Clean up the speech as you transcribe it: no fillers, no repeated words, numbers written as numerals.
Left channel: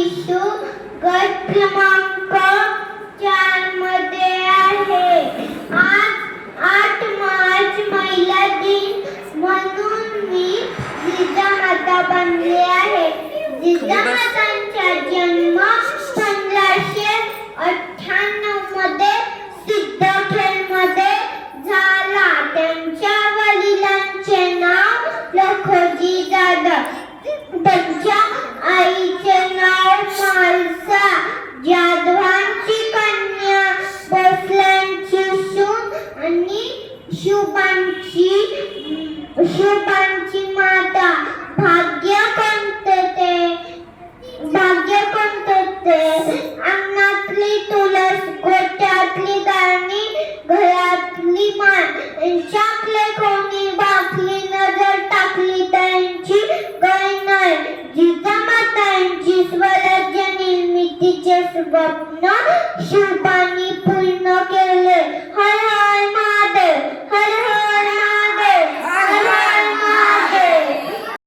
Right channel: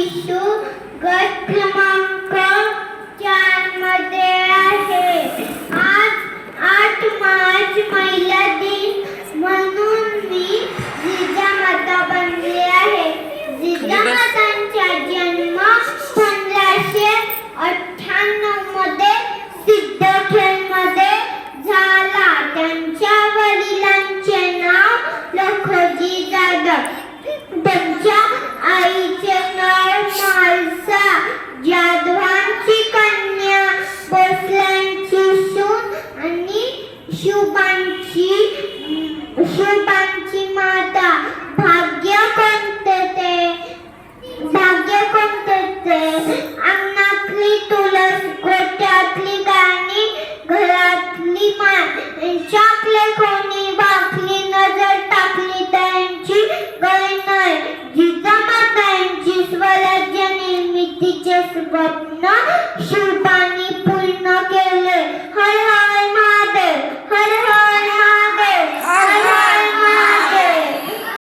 शिशु गट क्रमांक 4 मध्ये आहे. आज 8 मार्च महिला दिन म्हणून मी जिजामाता बनले आहे. जिजामातांचा जन्म 1598 मध्ये सिद्धखेडमध्ये झाला. त्यांच्या वडिलांचे नाव लखोजी जाधव, त्यांच्या आईचे नाव मालसा. जाधवांची कन्या, भोसल्यांची सून आणि शुभांची माता. भाग्य कोणते ते अंगणातली तुळस, गोठ्यातली गाणी, घरातली मान. यांच्याकडे कोणी बाकली नजर टाकली त्यांची गय नाही. जिजामातांची स्वराज्य निर्मितीचे स्वप्न शुभांनी पूर्ण केले.